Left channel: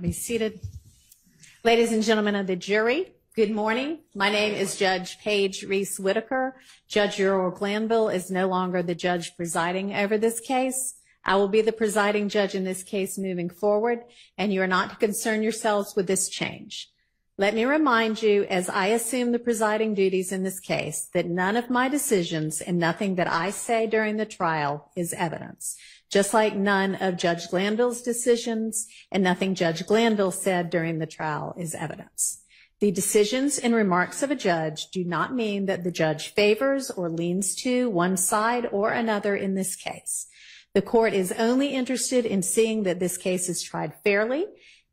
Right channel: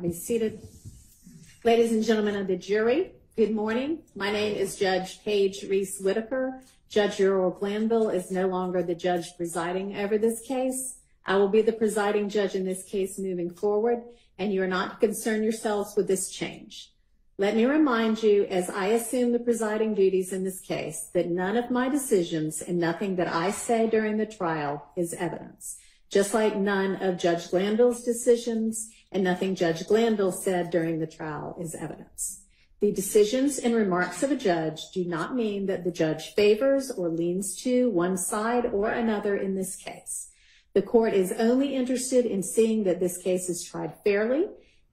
Be seated. Ladies and gentlemen of the jury, good morning. My name is Judge Paige Reese Whitaker. Judge Earl Glanville is no longer the judge presiding over this case. I will be the presiding judge in this case moving forward, and you are not to concern yourselves with this change. Let me remind you, as I assume the presiding duties in this case, that none of my decisions and nothing that I say during the trial is evidence. Just like none of Judge Glanville's decisions and nothing Judge Glanville said during the trial is evidence. The decisions and remarks of a judge do not mean that the judge favors or leans to one side or another in this case. The court is only interested in seeing that this case is tried fairly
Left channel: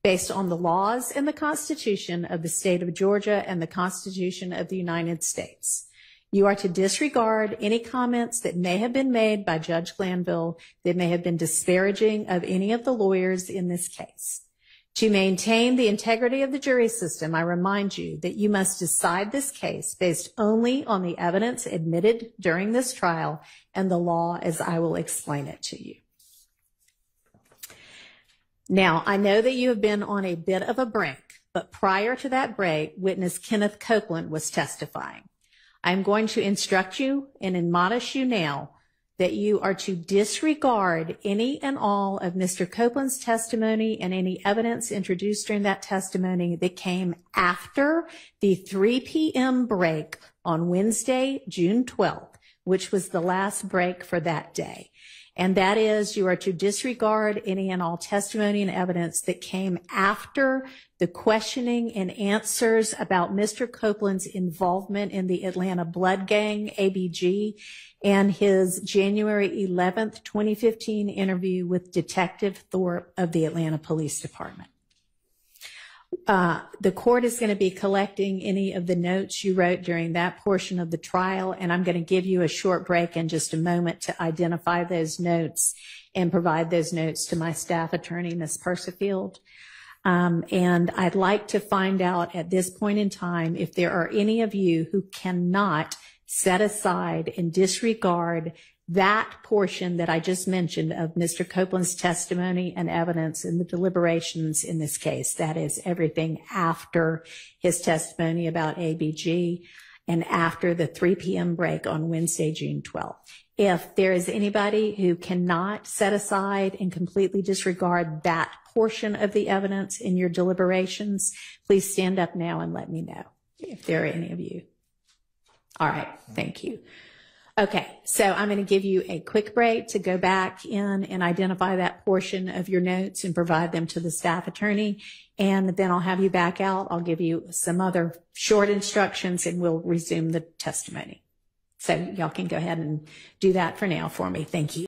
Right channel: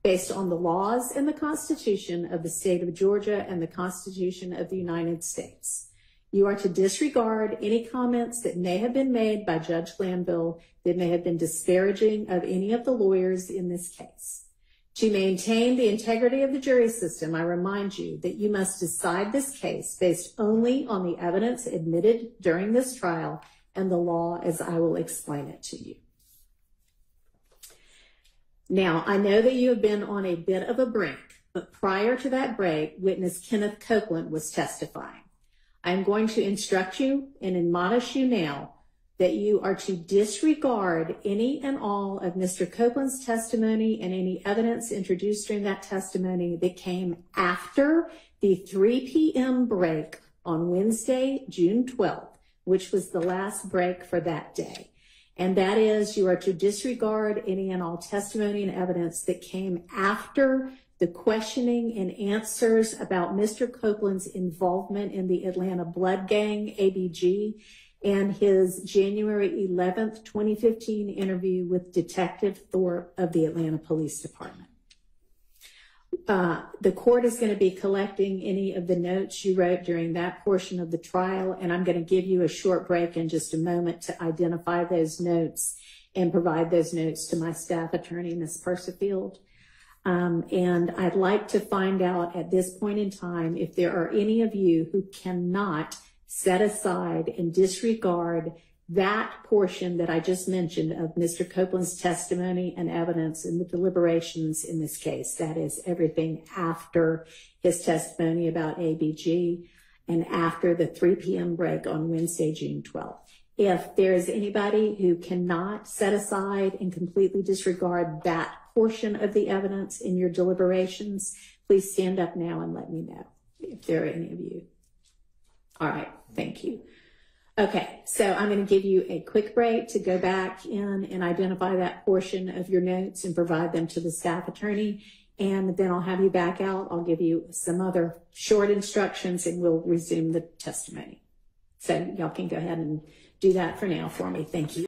based on the laws and the Constitution of the state of Georgia and the Constitution of the United States. You are to disregard any comments that may have been made by Judge Glanville that may have been disparaging of any of the lawyers in this case. To maintain the integrity of the jury system, I remind you that you must decide this case based only on the evidence admitted during this trial and the law as I will explain it to you. Now, I know that you have been on a bit of a break, but prior to that break, witness Kenneth Copeland was testifying. I'm going to instruct you and admonish you now that you are to disregard any and all of Mr. Copeland's testimony and any evidence introduced during that testimony that came after the 3 p.m. break on Wednesday, June 12th, which was the last break for that day. And that is, you are to disregard any and all testimony and evidence that came after the questioning and answers about Mr. Copeland's involvement in the Atlanta Blood Gang, ABG, and his January 11th, 2015 interview with Detective Thorpe of the Atlanta Police Department. The court is going to be collecting any of the notes you wrote during that portion of the trial, and I'm going to give you a short break in just a moment to identify those notes and provide those notes to my staff attorney, Ms. Persifield. And I'd like to find out at this point in time if there are any of you who cannot set aside and disregard that portion that I just mentioned of Mr. Copeland's testimony and evidence in the deliberations in this case. That is everything after his testimony about ABG and after the 3 p.m. break on Wednesday, June 12th. If there is anybody who cannot set aside and completely disregard that portion of the evidence in your deliberations, please stand up now and let me know if there are any of you. All right, thank you. Okay, so I'm going to give you a quick break to go back in and identify that portion of your notes and provide them to the staff attorney. And then I'll have you back out. I'll give you some other short instructions and we'll resume the testimony. So y'all can go ahead and do that for now for me. Thank you.